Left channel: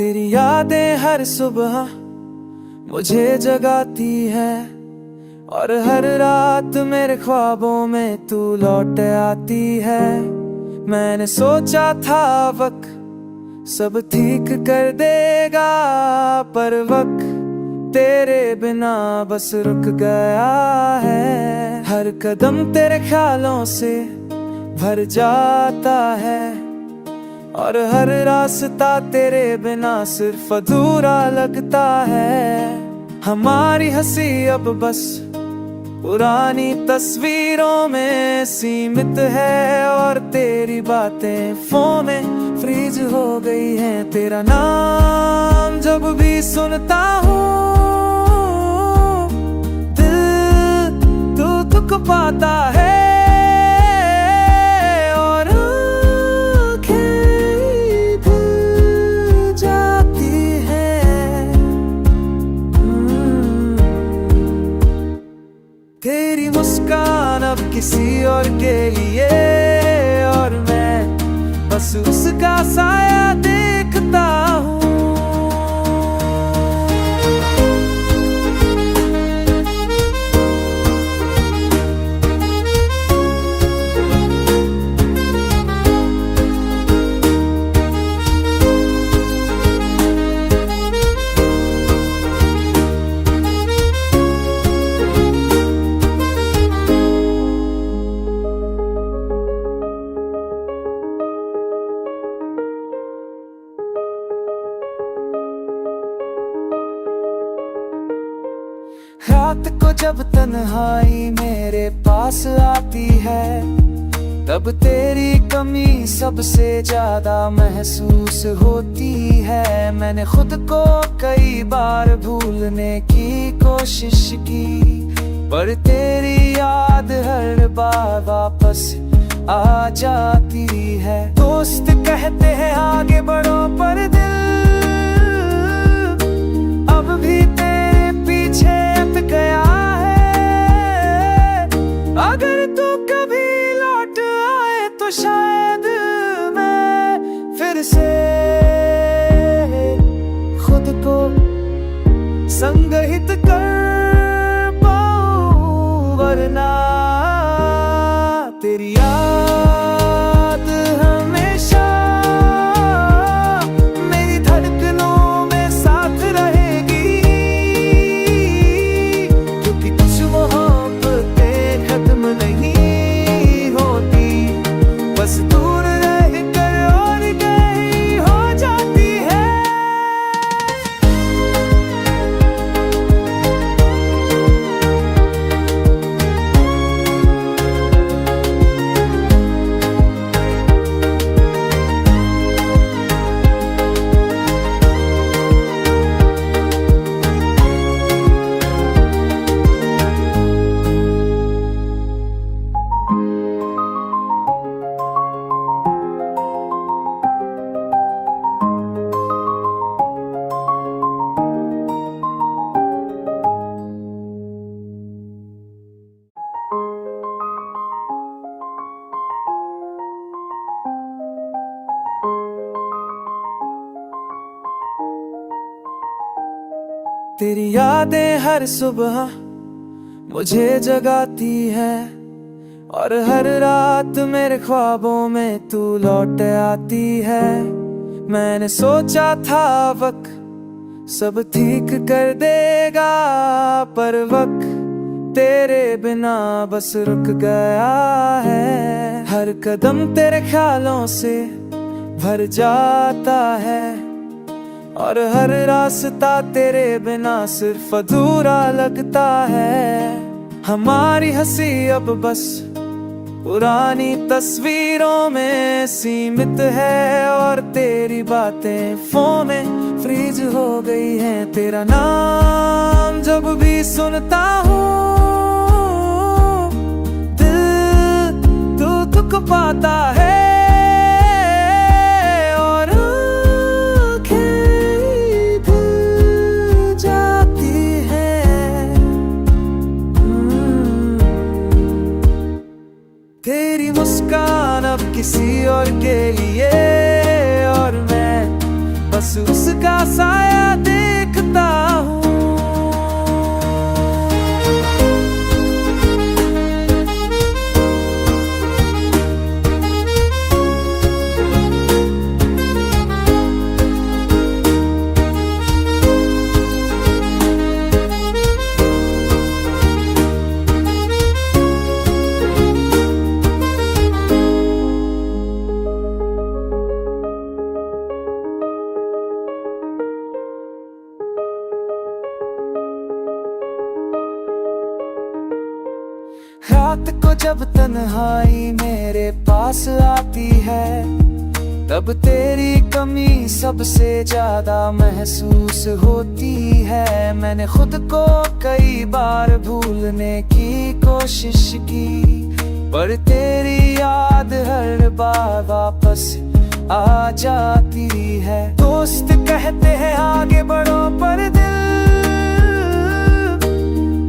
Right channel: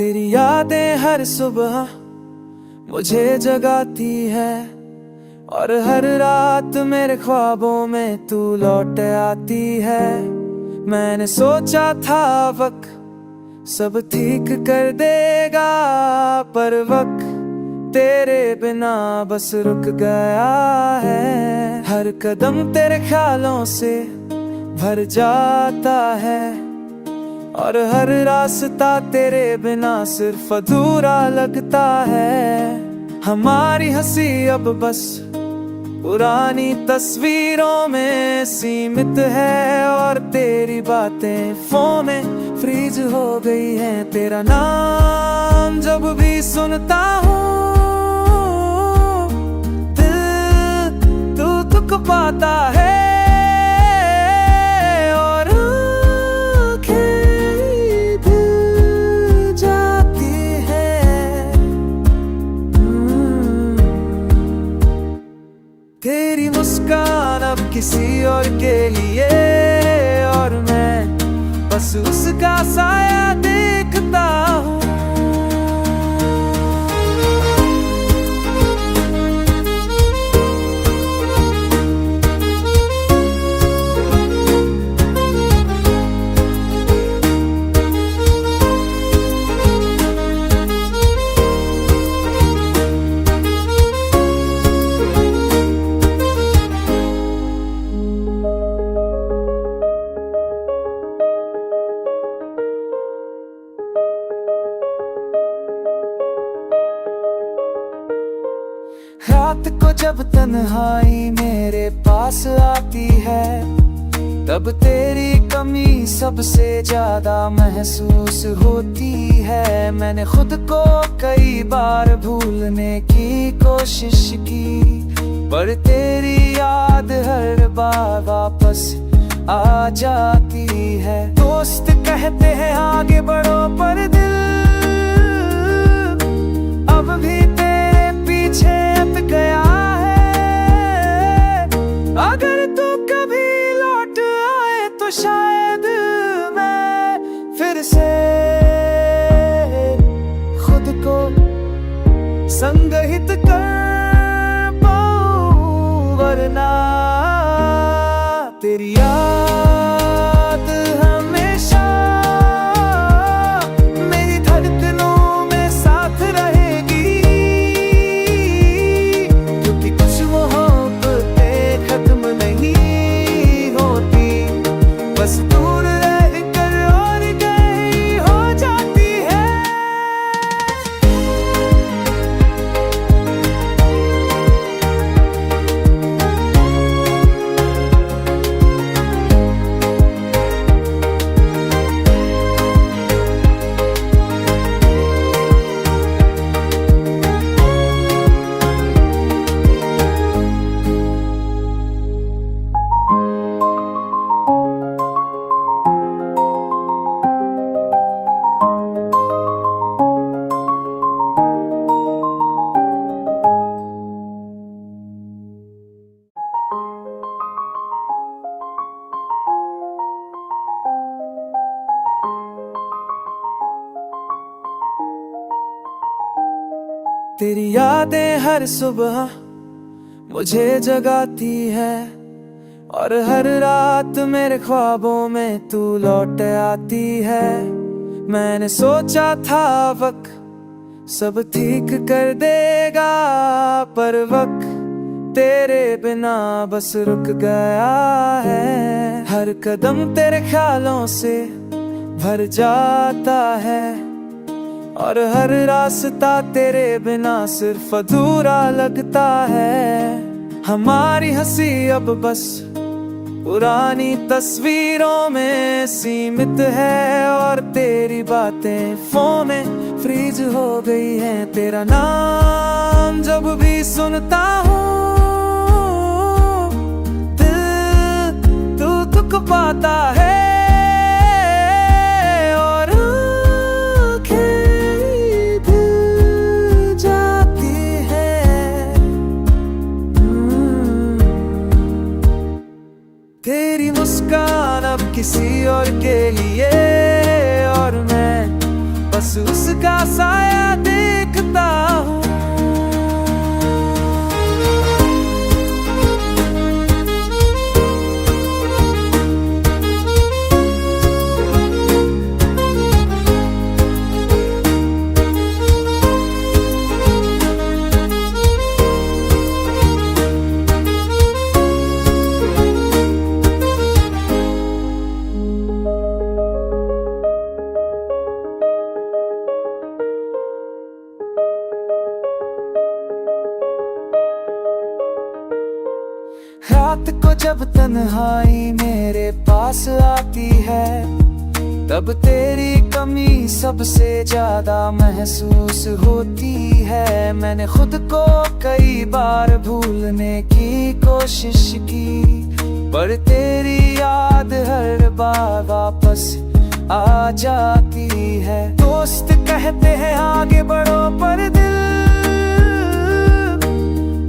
तेरी यादें हर सुबह मुझे जगाती है और हर रात मेरे ख्वाबों में तू लौट आती है। मैंने सोचा था वक्त सब ठीक कर देगा, पर वक्त तेरे बिना बस रुक गया है। हर कदम तेरे ख्यालों से भर जाता है और हर रास्ता तेरे बिना सिर्फ अधूरा लगता है। हमारी हंसी अब बस पुरानी तस्वीरों में सीमित है और तेरी बातें फोन में फ्रीज हो गई हैं। तेरा नाम जब भी सुनता हूँ दिल दुख पाता है और तेरी मुस्कान अब किसी और के लिए और मैं बस उसका साया देखता हूँ। रात को जब तन्हाई मेरे पास आती है, तब तेरी कमी सबसे ज्यादा महसूस होती है। मैंने खुद को कई बार भूलने की कोशिश की, पर तेरी याद हर बार वापस आ जाती है। दोस्त कहते हैं आगे बढ़ो, पर दिल अब भी तेरे पीछे अट गया है। अगर तू कभी लौट आए तो शायद मैं फिर से खुद को संगहित कर पाऊं, वरना तेरी याद हमेशा मेरी धड़कनों में साथ रहेगी। क्योंकि कुछ मोहब्बतें खत्म नहीं होती, बस दूर रह कर और गई हो जाती है। तेरी यादें हर सुबह मुझे जगाती है और हर रात मेरे ख्वाबों में तू लौट आती है। मैंने सोचा था वक्त सब ठीक कर देगा, पर वक्त तेरे बिना बस रुक गया है। हर कदम तेरे ख्यालों से भर जाता है और हर रास्ता तेरे बिना सिर्फ अधूरा लगता है। हमारी हंसी अब बस पुरानी तस्वीरों में सीमित है और तेरी बातें फोन में फ्रीज हो गई हैं। तेरा नाम जब भी सुनता हूँ दिल दुख पाता है और तेरी मुस्कान अब किसी और के लिए और मैं बस उसका साया देखता हूँ। रात को जब तन्हाई मेरे पास आती है, तब तेरी कमी सबसे ज्यादा महसूस होती है। मैंने खुद को कई बार भूलने की कोशिश की, पर तेरी याद हर बार वापस आ जाती है। दोस्त कहते हैं आगे बढ़ो, पर दिल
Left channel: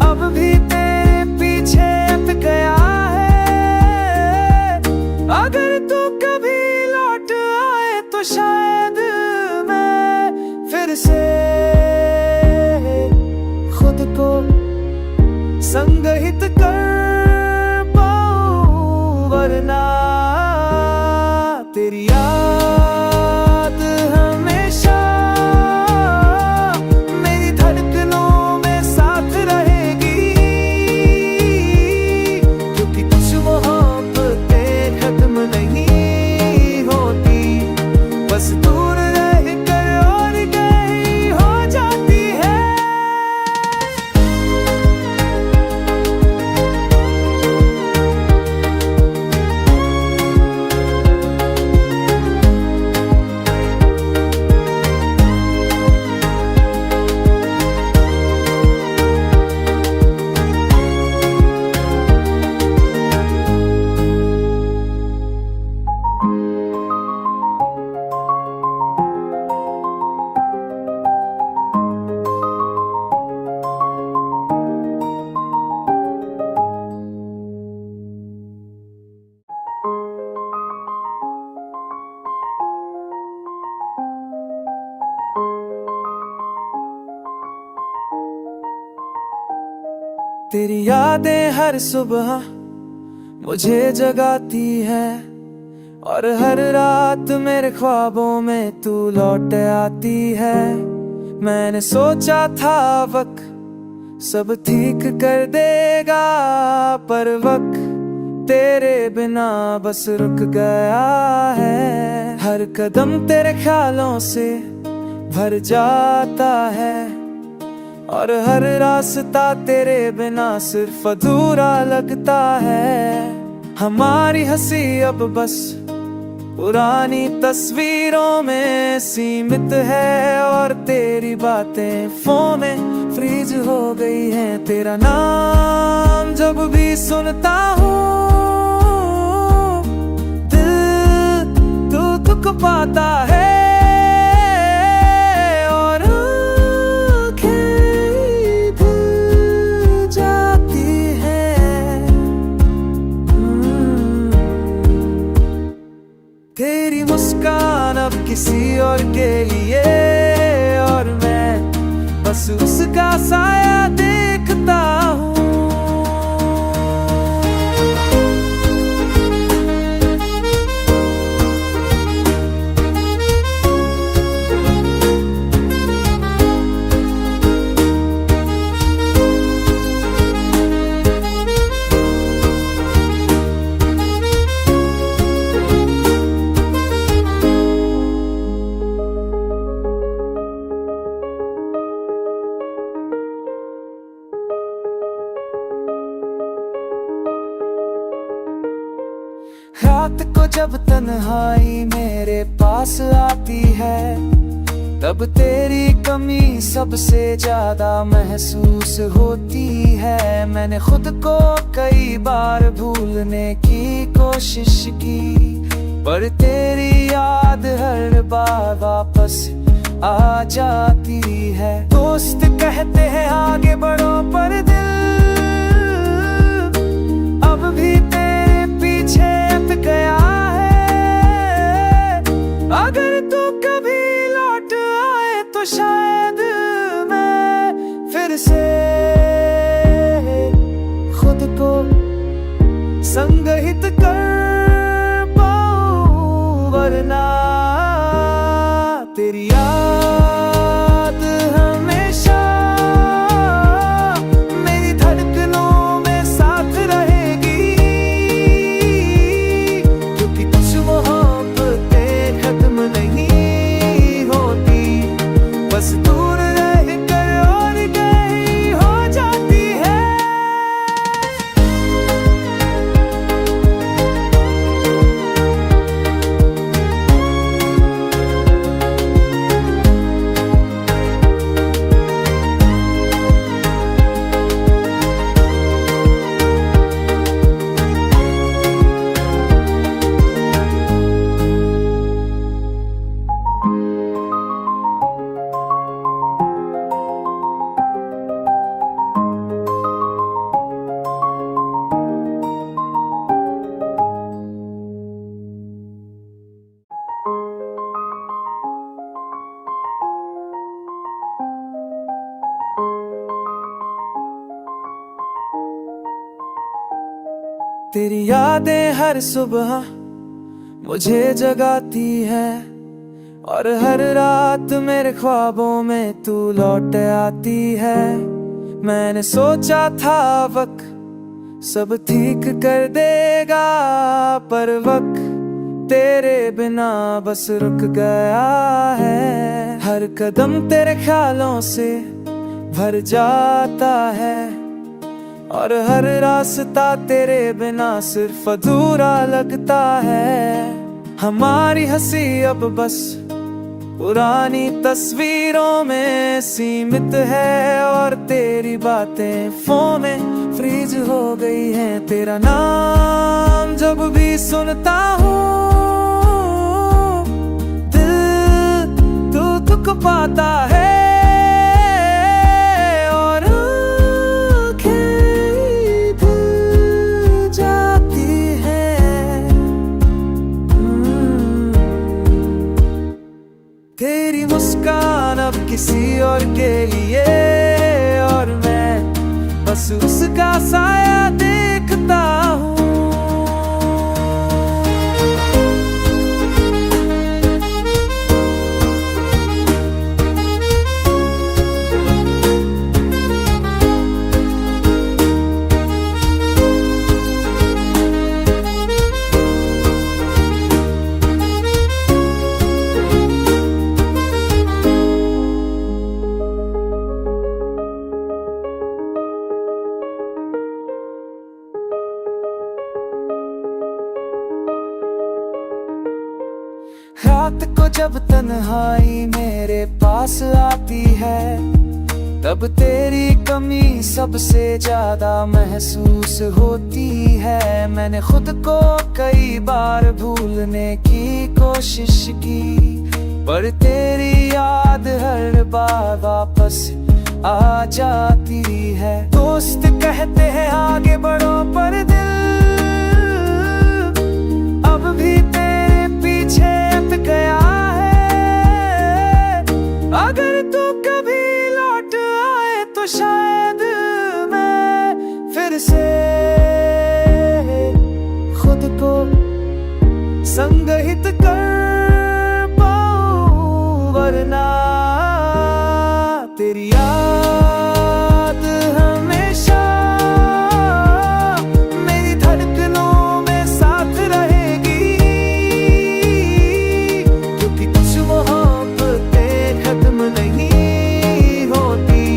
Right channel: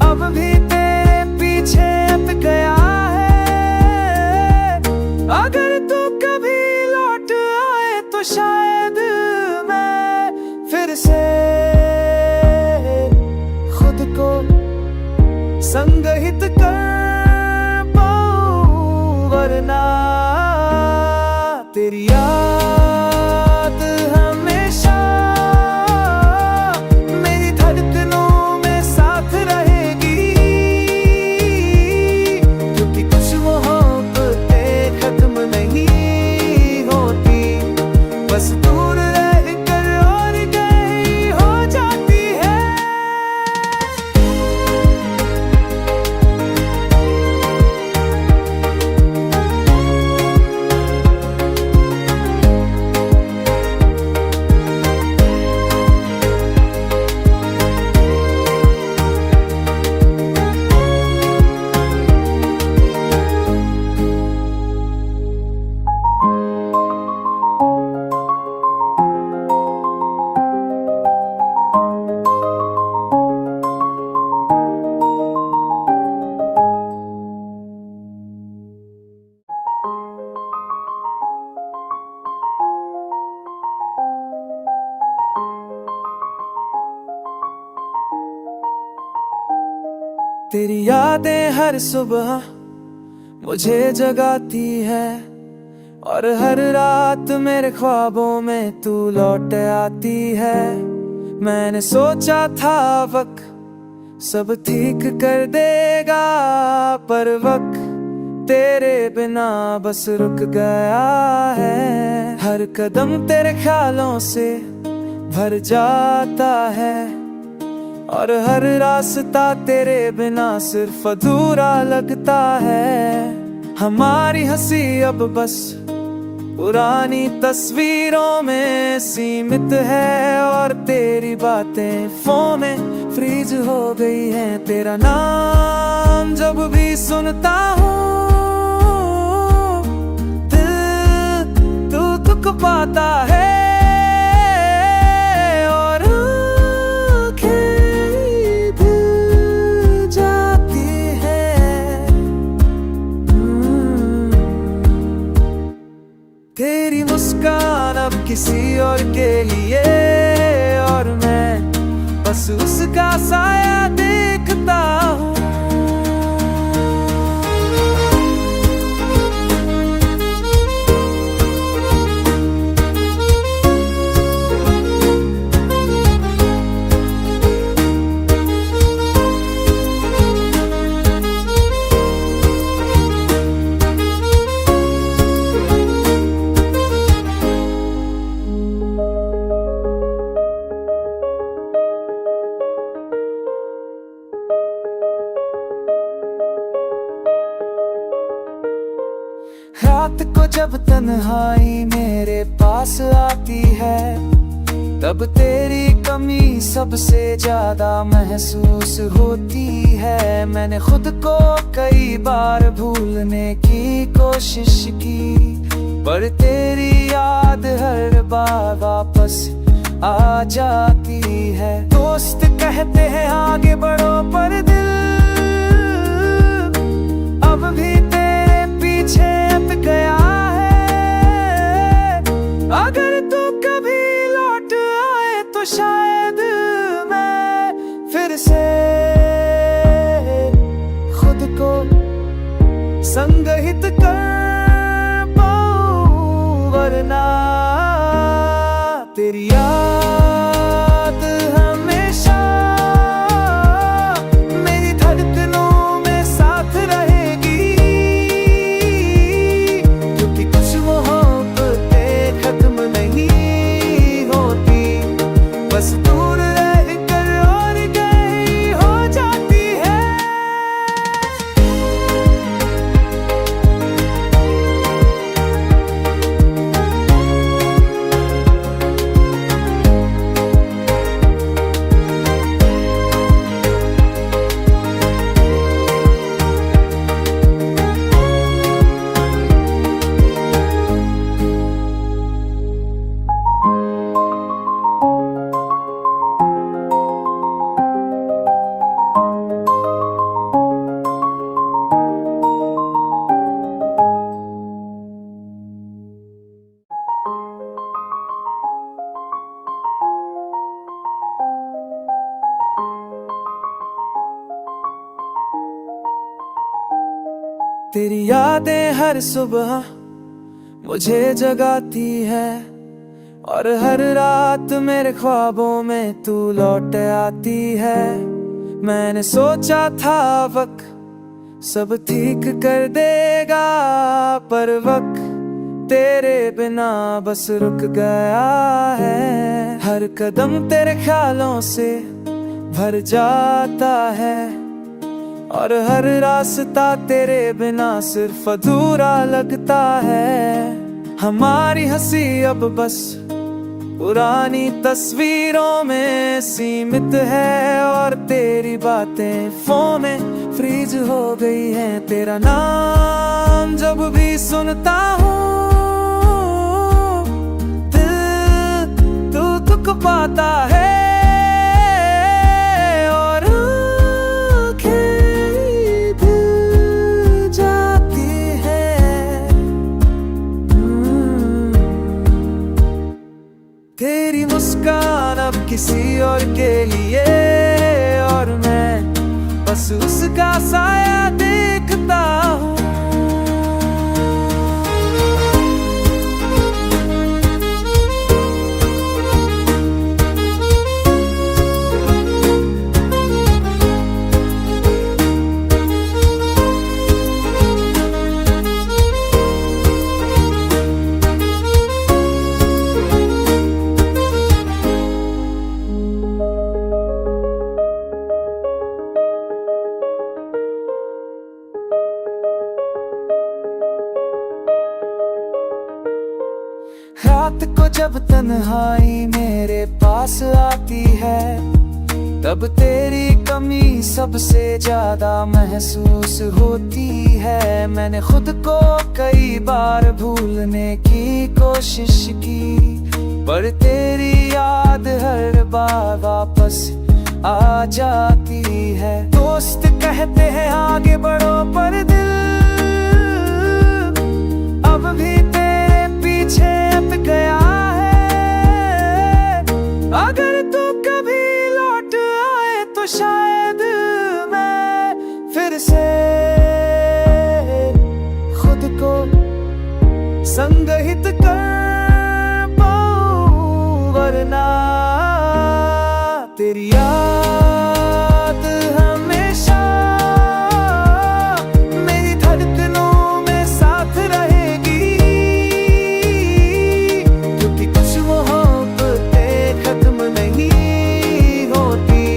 अब भी तेरे पीछे अट गया है। अगर तू कभी लौट आए तो शायद मैं फिर से खुद को संगहित कर पाऊं, वरना तेरी याद हमेशा मेरी धड़कनों में साथ रहेगी। क्योंकि कुछ मोहब्बतें खत्म नहीं होती, बस दूर रह कर और गई हो जाती है। तेरी यादें हर सुबह मुझे जगाती है, और हर रात मेरे ख्वाबों में तू लौट आती है। मैंने सोचा था वक्त सब ठीक कर देगा, पर वक्त तेरे बिना बस रुक गया है। हर कदम तेरे ख्यालों से भर जाता है, और हर रास्ता तेरे बिना सिर्फ अधूरा लगता है। हमारी हंसी अब बस पुरानी तस्वीरों में सीमित है, और तेरी बातें फोन में फ्रीज हो गई हैं। तेरा नाम जब भी सुनता हूँ, दिल तुक पाता है, और तेरी मुस्कान अब किसी और के लिए, और मैं बस उसका साया देखता हूँ। रात को जब तन्हाई मेरे पास आती है, तब तेरी कमी सबसे ज्यादा महसूस होती है। मैंने खुद को कई बार भूलने की कोशिश की, पर तेरी याद हर बार वापस आ जाती है। दोस्त कहते हैं आगे बढ़ो, पर दिल अब भी तेरे पीछे गया है। अगर तू कभी लौट तो शायद मैं फिर से खुद को संगहित कर पाऊं, वरना तेरी याद हमेशा मेरी धड़कनों में साथ रहेगी, क्योंकि कुछ मोहब्बतें खत्म नहीं होती, बस दूर रह कर और गई हो जाती है। तेरी यादें हर सुबह मुझे जगाती है, और हर रात मेरे ख्वाबों में तू लौट आती है। मैंने सोचा था वक्त सब ठीक कर देगा, पर वक्त तेरे बिना बस रुक गया है। हर कदम तेरे ख्यालों से भर जाता है, और हर रास्ता तेरे बिना सिर्फ अधूरा लगता है। हमारी हंसी अब बस पुरानी तस्वीरों में सीमित है, और तेरी बातें फोन में फ्रीज हो गई हैं। तेरा नाम जब भी सुनता हूँ दिल तुक पाता है, और तेरी मुस्कान अब किसी और के लिए, और मैं बस उसका साया देखता हूँ। रात को जब तन्हाई मेरे पास आती है, तब तेरी कमी सबसे ज्यादा महसूस होती है। मैंने खुद को कई बार भूलने की कोशिश की, पर तेरी याद हर बार वापस आ जाती है। दोस्त कहते हैं आगे बढ़ो, पर दिल अब भी तेरे पीछे अट गया है। अगर तू कभी लौट आए तो शायद मैं फिर से खुद को संगहित कर पाऊं, वरना तेरी याद हमेशा मेरी धड़कनों में साथ रहेगी, क्योंकि कुछ मोहब्बतें खत्म नहीं होती,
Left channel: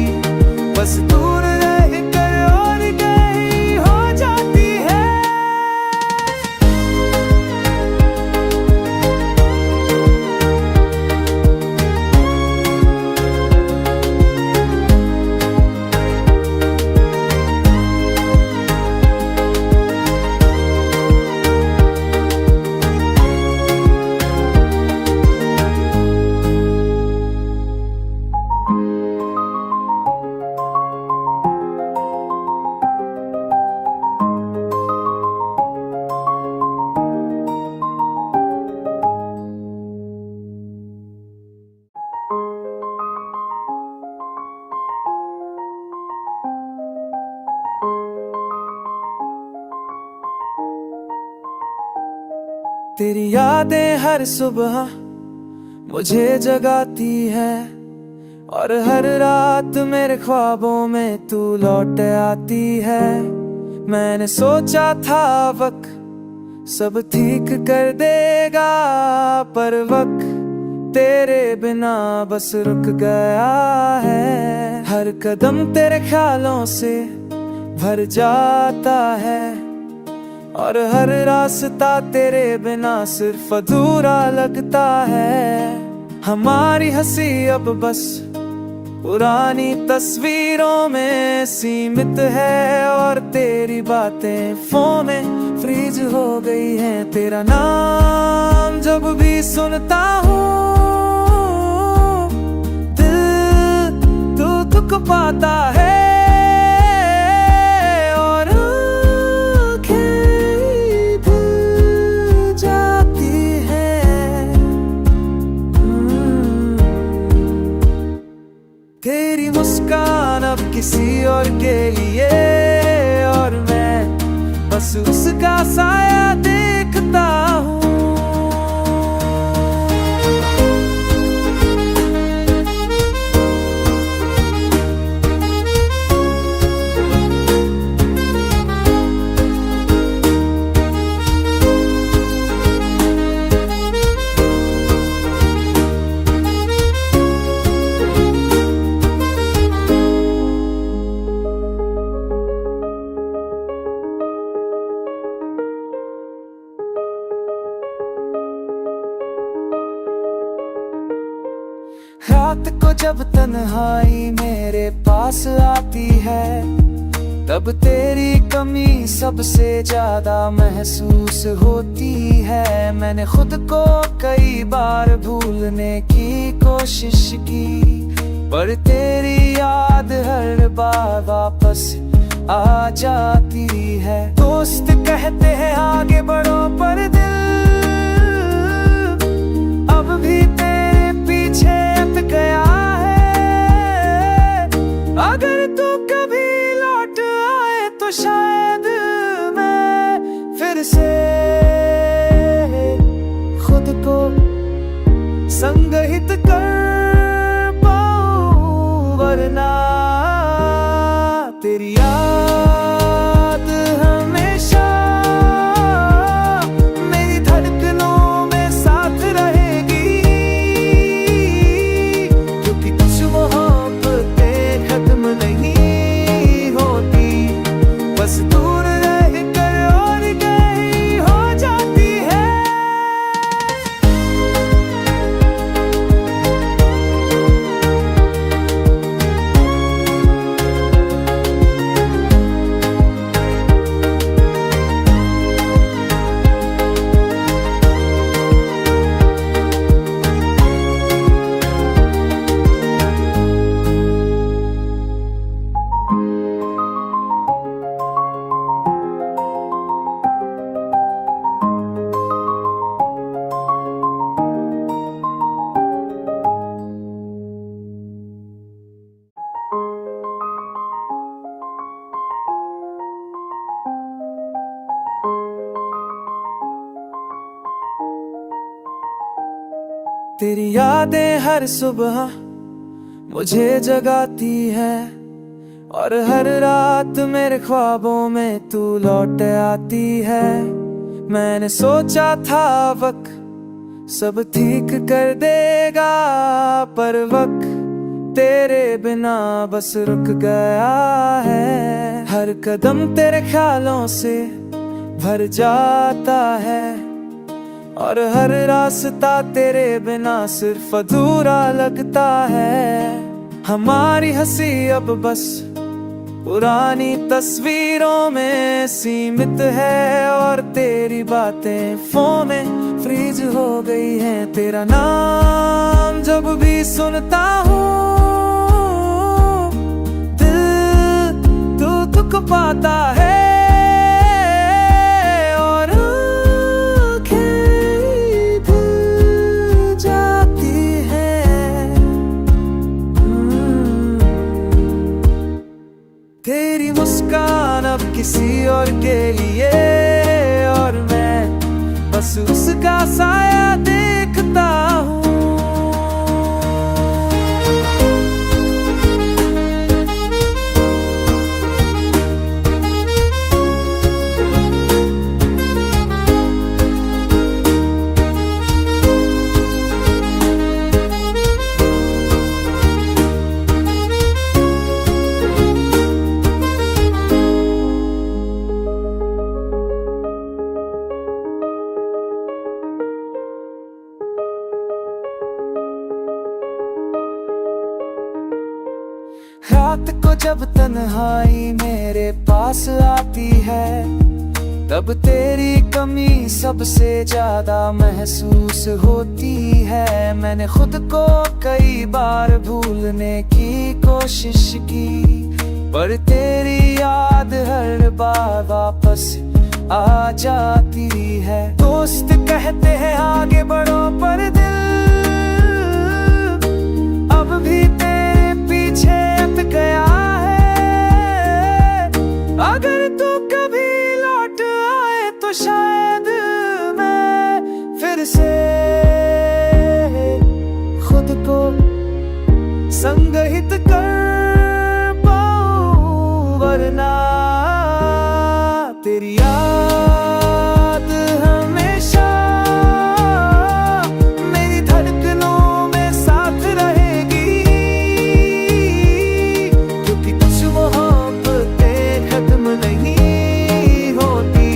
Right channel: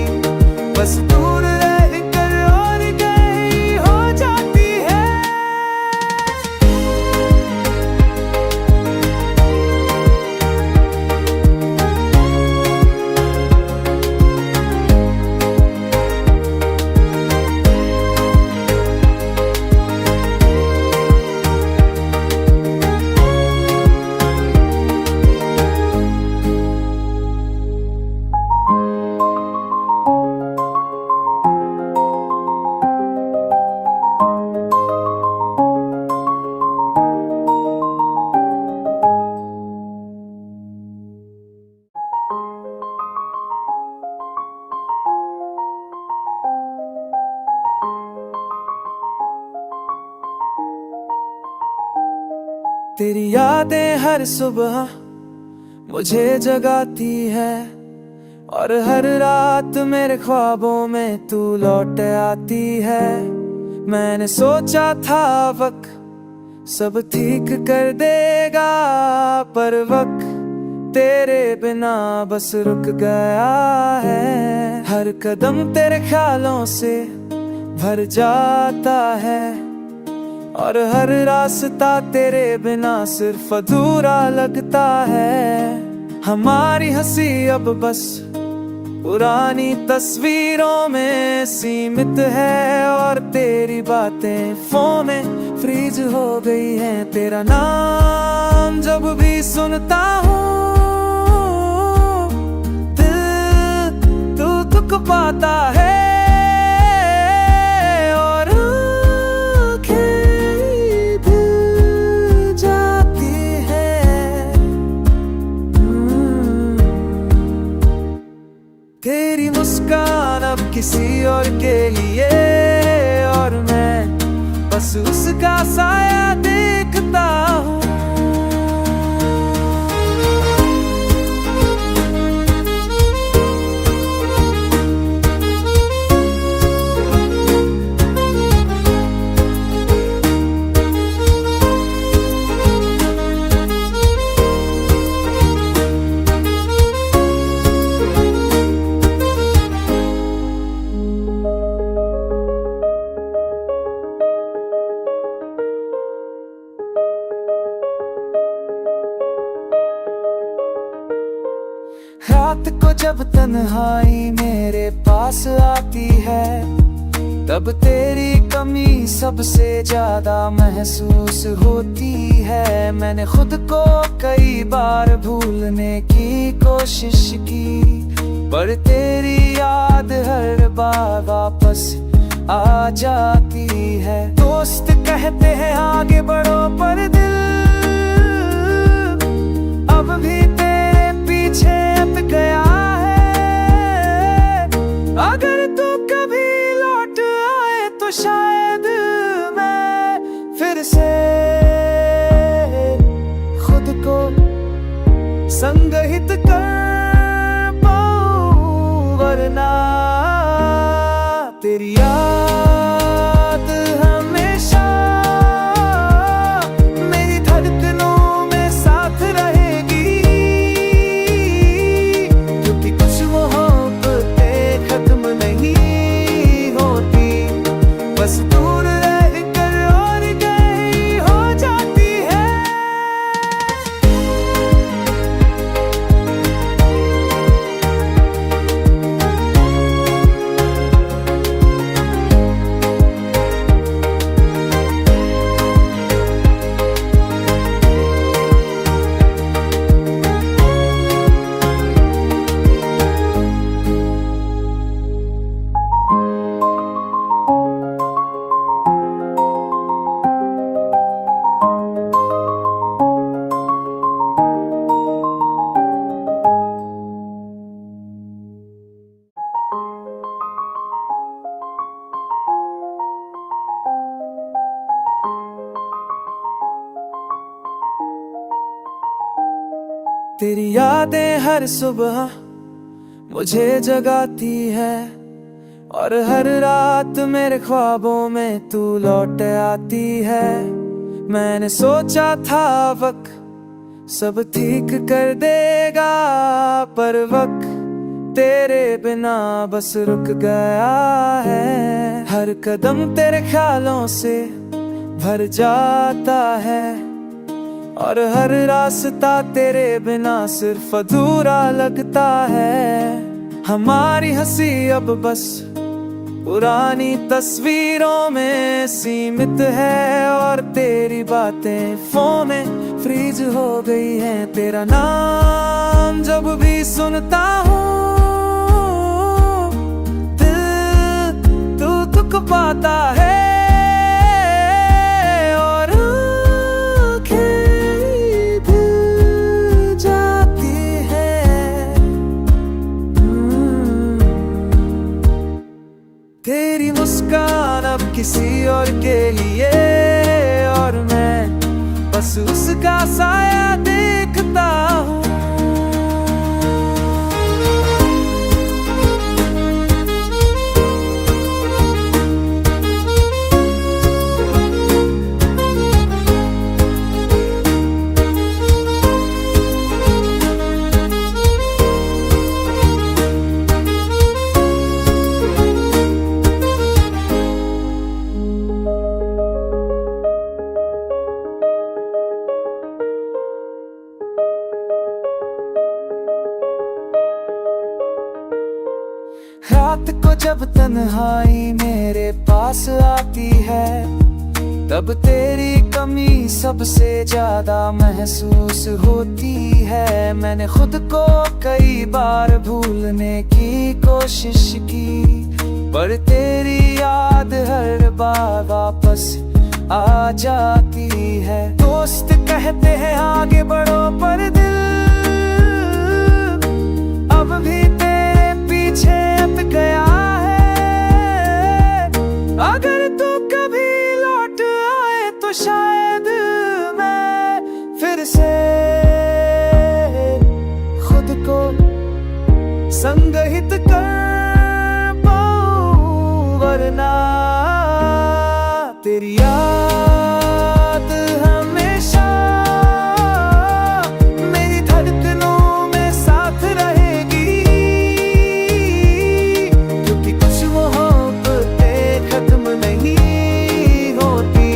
बस दूर रह कर और गई हो जाती है। तेरी यादें हर सुबह मुझे जगाती है, और हर रात मेरे ख्वाबों में तू लौट आती है। मैंने सोचा था वक्त सब ठीक कर देगा, पर वक्त तेरे बिना बस रुक गया है। हर कदम तेरे ख्यालों से भर जाता है, और हर रास्ता तेरे बिना सिर्फ अधूरा लगता है। हमारी हंसी अब बस पुरानी तस्वीरों में सीमित है, और तेरी बातें फोन में फ्रीज हो गई हैं। तेरा नाम जब भी सुनता हूँ दिल दुख पाता है, और आँखें भीग जाती हैं। तेरी मुस्कान अब किसी और के लिए, और मैं बस उसका साया देखता हूँ। रात को जब तन्हाई मेरे पास आती है, तब तेरी कमी सबसे ज्यादा महसूस होती है। मैंने खुद को कई बार भूलने की कोशिश की, पर तेरी याद हर बार वापस आ जाती है। दोस्त कहते हैं आगे बढ़ो, पर दिल अब भी तेरे पीछे अट गया है। अगर तू कभी लौट आए तो शायद मैं फिर से खुद को संगहित कर पाऊं, वरना तेरी याद हमेशा मेरी धड़कनों में साथ रहेगी। क्योंकि कुछ मोहब्बतें खत्म नहीं होती, बस दूर रह कर और गई हो जाती है। तेरी यादें हर सुबह मुझे जगाती है, और हर रात मेरे ख्वाबों में तू लौट आती है। मैंने सोचा था वक्त सब ठीक कर देगा, पर वक्त तेरे बिना बस रुक गया है। हर कदम तेरे ख्यालों से भर जाता है, और हर रास्ता तेरे बिना सिर्फ अधूरा लगता है। हमारी हंसी अब बस पुरानी तस्वीरों में सीमित है, और तेरी बातें फोन में फ्रीज हो गई हैं। तेरा नाम जब भी सुनता हूँ दिल दुख पाता है, और तेरी मुस्कान अब किसी और के लिए, और मैं बस उसका साया देखता हूँ। रात को जब तन्हाई मेरे पास आती है, तब तेरी कमी सबसे ज्यादा महसूस होती है। मैंने खुद को कई बार भूलने की कोशिश की, पर तेरी याद हर बार वापस आ जाती है। दोस्त कहते हैं आगे बढ़ो, पर दिल अब भी तेरे पीछे हट गया है। अगर तू कभी लौट आए तो शायद मैं फिर से खुद को संगहित कर पाऊं, वरना तेरी याद हमेशा मेरी धड़कनों में साथ रहेगी। क्योंकि कुछ मोहब्बतें खत्म नहीं होती,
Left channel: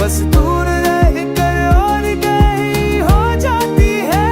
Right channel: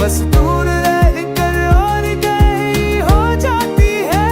बस दूर रह कर और गई हो जाती है।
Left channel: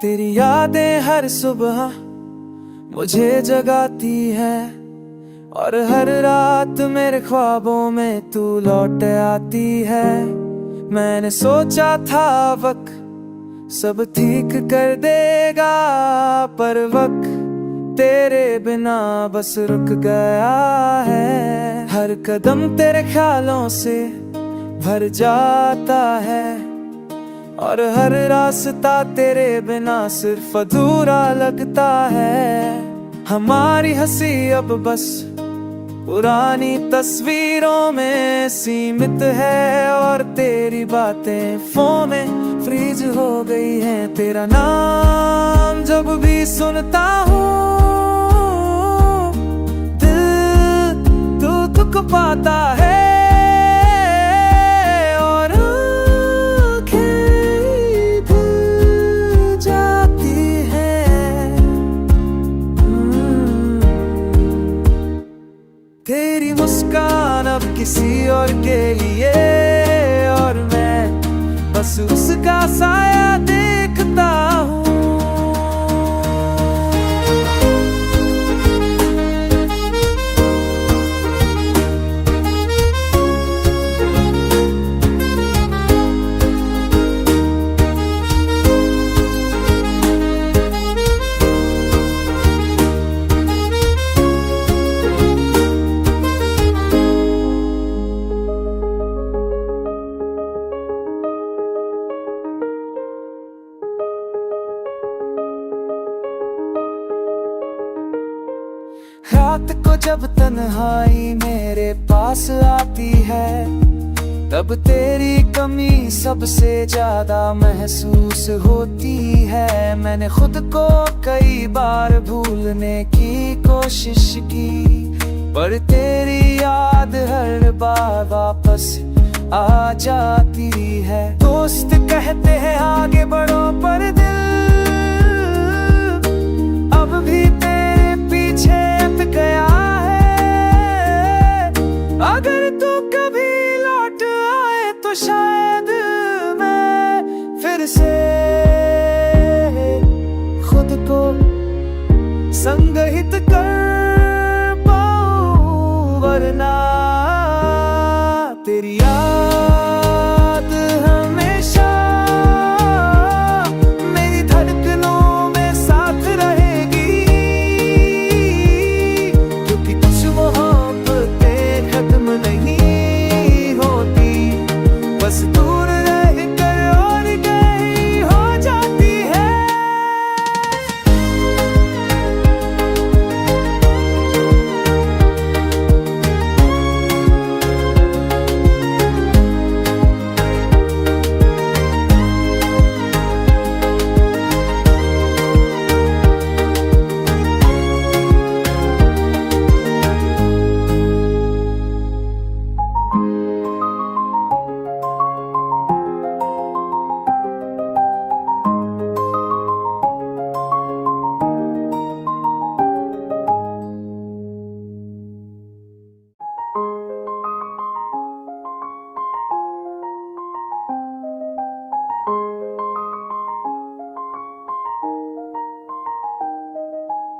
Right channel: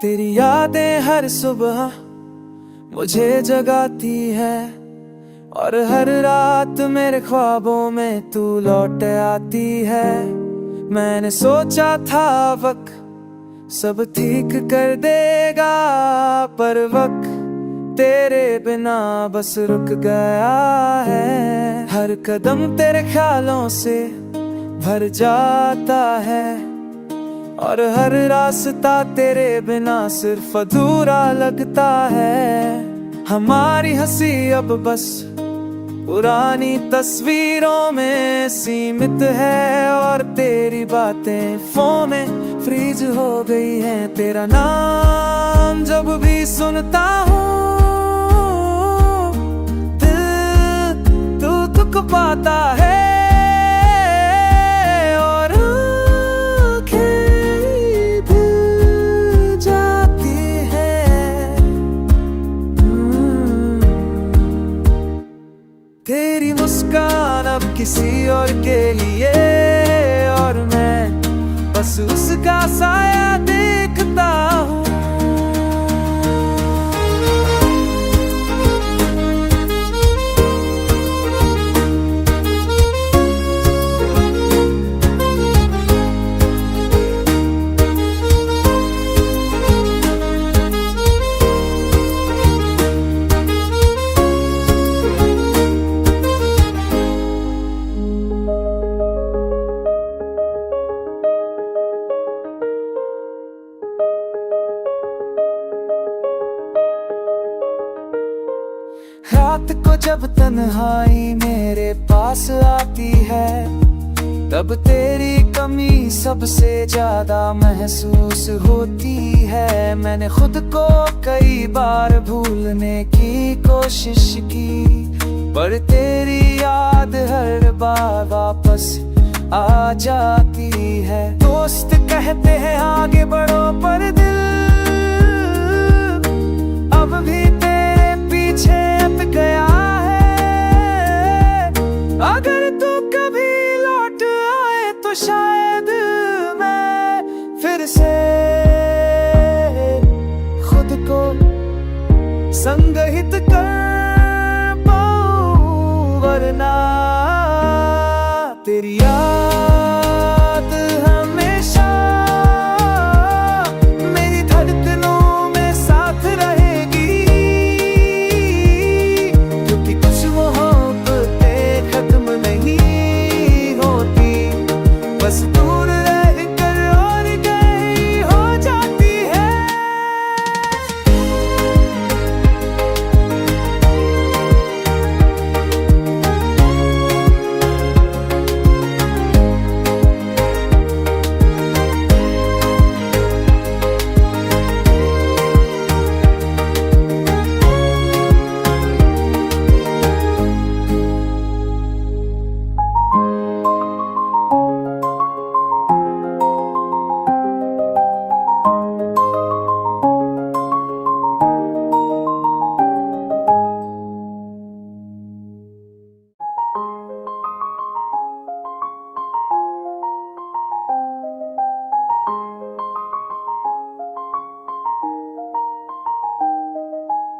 तेरी यादें हर सुबह मुझे जगाती है, और हर रात मेरे ख्वाबों में तू लौट आती है। मैंने सोचा था वक्त सब ठीक कर देगा, पर वक्त तेरे बिना बस रुक गया है। हर कदम तेरे ख्यालों से भर जाता है, और हर रास्ता तेरे बिना सिर्फ अधूरा लगता है। हमारी हंसी अब बस पुरानी तस्वीरों में सीमित है, और तेरी बातें फोन में फ्रीज हो गई हैं। तेरा नाम जब भी सुनता हूँ, दिल दुख पाता है, और तेरी मुस्कान अब किसी और के लिए, और मैं बस उसका साया देखता हूँ। रात को जब तन्हाई मेरे पास आती है, तब तेरी कमी सबसे ज्यादा महसूस होती है। मैंने खुद को कई बार भूलने की कोशिश की, पर तेरी याद हर बार वापस आ जाती है। दोस्त कहते हैं आगे बढ़ो, पर दिल अब भी तेरे पीछे हट गया है। अगर तू कभी लौट तो शायद मैं फिर से खुद को संगहित कर पाऊं, वरना तेरी याद हमेशा मेरी धड़कनों में साथ रहेगी, क्योंकि कुछ मोहब्बतें खत्म नहीं होती, बस दूर रह कर और गई हो जाती है।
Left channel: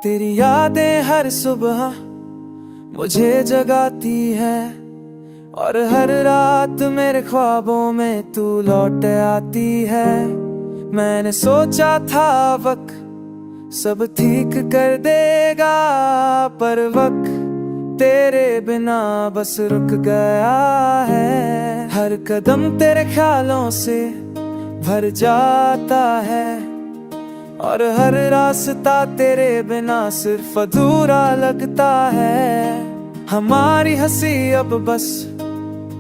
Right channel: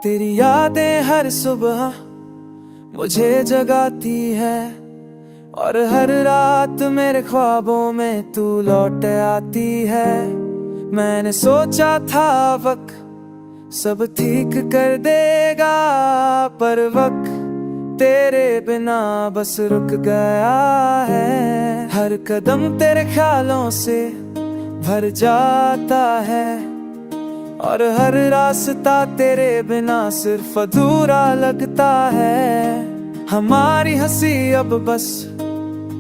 तेरी यादें हर सुबह मुझे जगाती है, और हर रात मेरे ख्वाबों में तू लौट आती है। मैंने सोचा था वक्त सब ठीक कर देगा, पर वक्त तेरे बिना बस रुक गया है। हर कदम तेरे ख्यालों से भर जाता है, और हर रास्ता तेरे बिना सिर्फ अधूरा लगता है। हमारी हंसी अब बस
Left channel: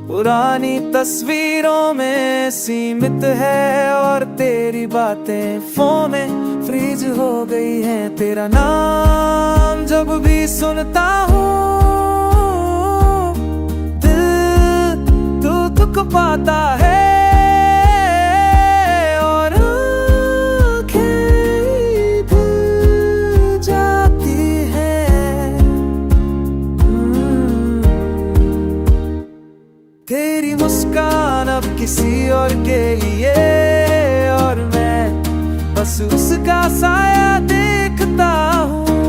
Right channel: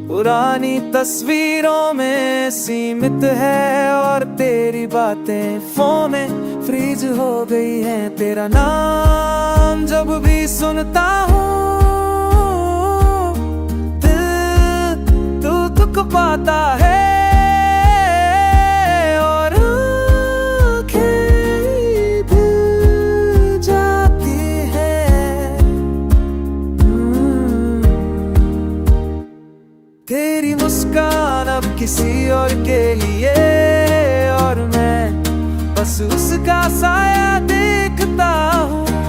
पुरानी तस्वीरों में सीमित है, और तेरी बातें फोन में फ्रीज हो गई हैं। तेरा नाम जब भी सुनता हूँ दिल दुख पाता है, और तेरी मुस्कान अब किसी और के लिए, और मैं बस उसका साया देखता हूँ।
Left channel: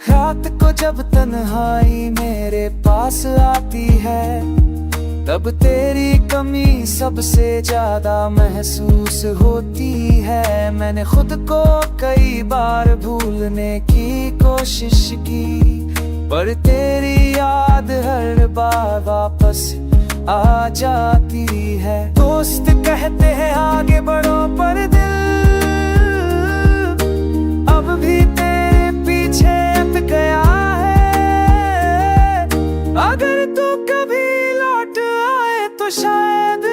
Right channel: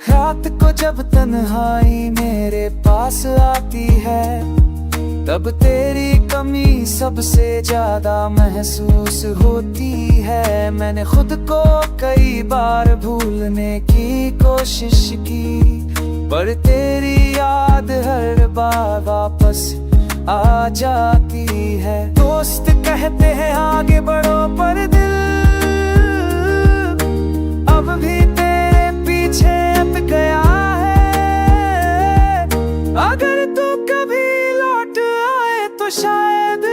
रात को जब तन्हाई मेरे पास आती है, तब तेरी कमी सबसे ज्यादा महसूस होती है। मैंने खुद को कई बार भूलने की कोशिश की, पर तेरी याद हर बार वापस आ जाती है। दोस्त कहते हैं आगे बढ़ो, पर दिल अब भी तेरे पीछे अट गया है। अगर तू कभी लौट आए तो शायद